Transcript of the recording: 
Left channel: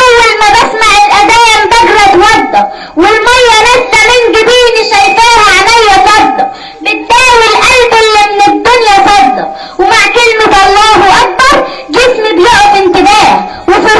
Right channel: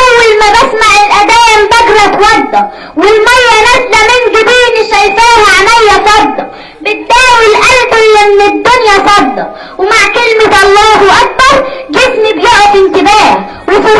اول ما بسمع الاذان بجري اتوضى، والميه نازله من جبيني شايفاها عينيا فضه، بتداوي القلب اللي من الدنيا فضه، ومع كلمه الله اكبر جسمي بيقف انتباه، وفي